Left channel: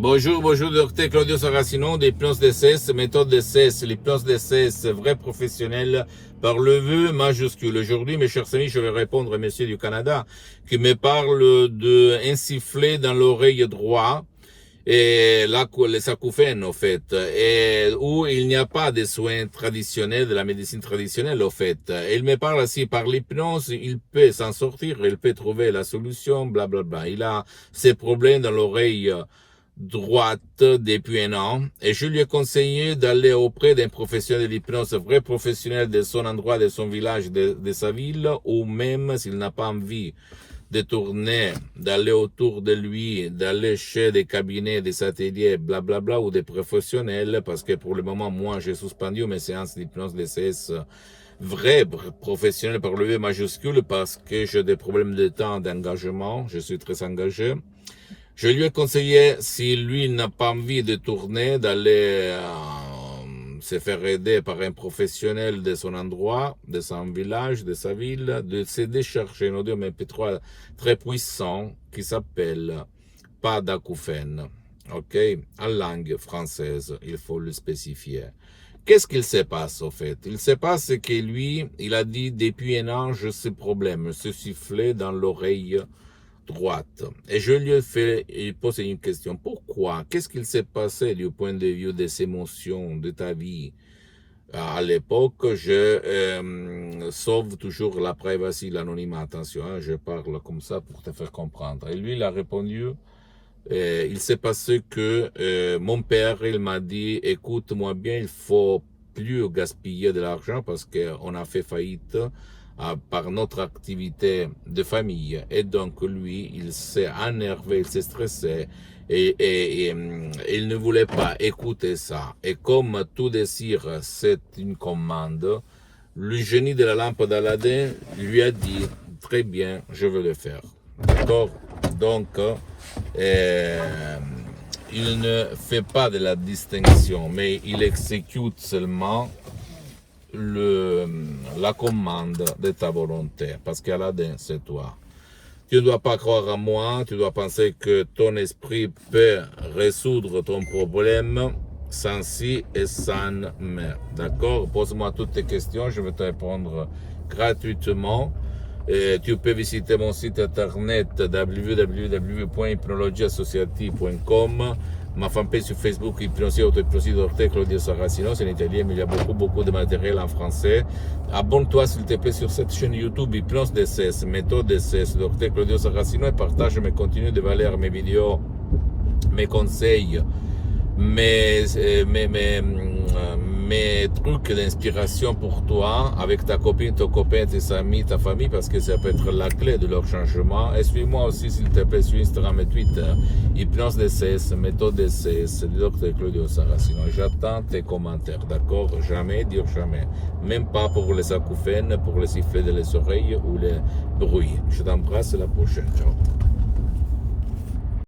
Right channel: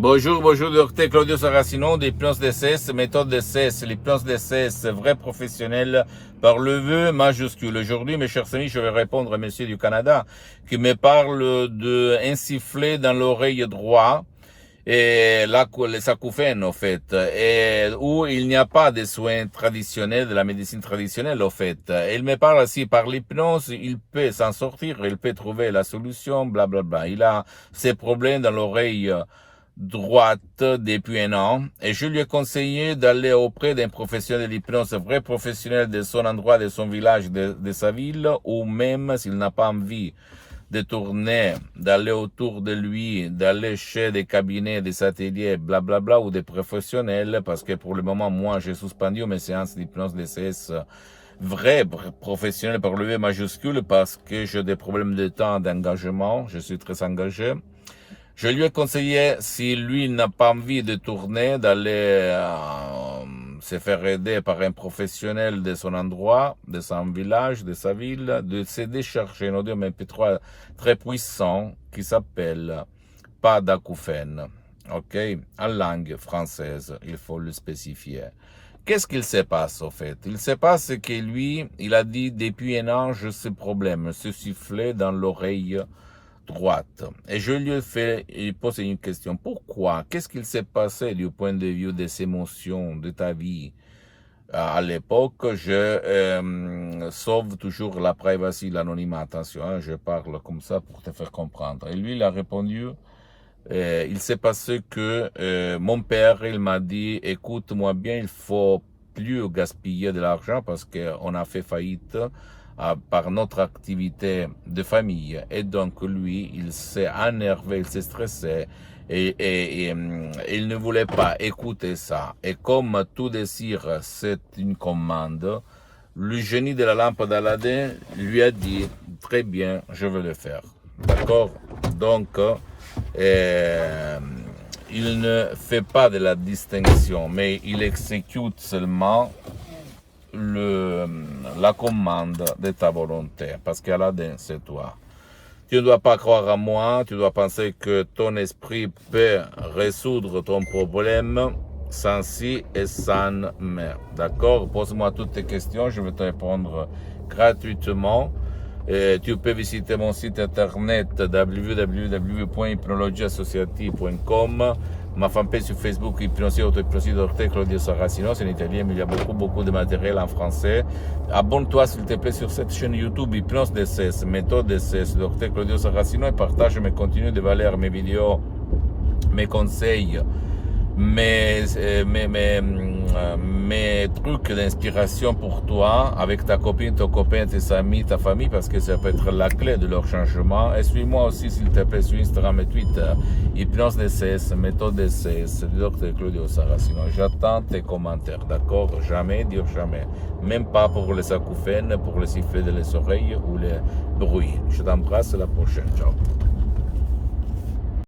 Bonjour, bonjour, docteur Claudio Saracino d'Hypnose DCS, méthode DCS, l'hypnose DCS, vrai professionnel par le vœu majuscule. Aujourd'hui, mes chers amis, je vais répondre à monsieur du Canada qui me parle de insuffler dans l'oreille droite et les acouphènes, en fait, et où il n'y a pas de soins traditionnels, de la médecine traditionnelle, en fait. Il me parle aussi par l'hypnose, il peut s'en sortir, il peut trouver la solution, blablabla. Il a ses problèmes dans l'oreille droite depuis un an et je lui ai conseillé d'aller auprès d'un professionnel de l'hypnose, vrai professionnel de son endroit, de son village, de sa ville, ou même s'il n'a pas envie de tourner, d'aller autour de lui, d'aller chez des cabinets, des ateliers, blablabla, ou des professionnels, parce que pour le moment, moi, j'ai suspendu mes séances d'hypnose DCS vrai professionnel par le V majuscule parce que j'ai des problèmes de temps, d'engagement, je suis très engagé. Je lui ai conseillé, si lui n'a pas envie de tourner, d'aller se faire aider par un professionnel de son endroit, de son village, de sa ville, de se décharger un audio MP3 très puissant qui s'appelle Pas d'acouphène. Ok? En langue française, il faut le spécifier. Qu'est-ce qu'il se passe, au fait? Il se passe que lui, il a dit depuis un an, j'ai ce problème, ce sifflet dans l'oreille droite. Et je lui ai fait poser une question. Pourquoi? Qu'est-ce qu'il s'est passé du point de vue des émotions de ta vie? À l'époque, je sauve toujours la privacy, l'anonymat. Attention, hein, je parle comme ça pour te faire comprendre. Et lui, il a répondu, il s'est passé que mon père, il m'a dit, écoute-moi bien, il faut plus gaspiller de l'argent parce qu'on a fait faillite par notre activité de famille. Et donc, lui, il s'est énervé, il s'est stressé et il ne voulait pas écouter ça. Et comme tout désir, c'est une commande, le génie de la lampe d'Aladin lui a dit, très bien, je vais le faire. D'accord? Donc, il ne fait pas de la distinction, mais il exécute seulement la commande de ta volonté, parce qu'Aladin, c'est toi. Tu ne dois pas croire à moi, tu dois penser que ton esprit peut résoudre ton problème sans si et sans mais. D'accord? Pose-moi toutes tes questions, je vais te répondre gratuitement. Et tu peux visiter mon site internet www.hypnologieassociative.com, ma fanpage sur Facebook, Hypnosie, Auto-Hypnosie, Dr Claudio Saracino, c'est en italien, mais il y a beaucoup de matériel en français. Abonne-toi s'il te plaît sur cette chaîne YouTube, Hypnose DCS, méthode DCS, Dr Claudio Saracino, et partage mes contenus de valeur, mes vidéos, mes conseils, mes trucs d'inspiration pour toi, avec ta copine, ton copain, tes amis, ta famille, parce que ça peut être la clé de leur changement. Et suis-moi aussi, s'il te plaît, sur Instagram et Twitter, Hypnose DCS, méthode DCS, Dr Claudio Saracino. J'attends tes commentaires, d'accord? Jamais dire jamais. Même pas pour les acouphènes, pour les sifflets de les oreilles ou les bruits. Je t'embrasse, à la prochaine. Ciao.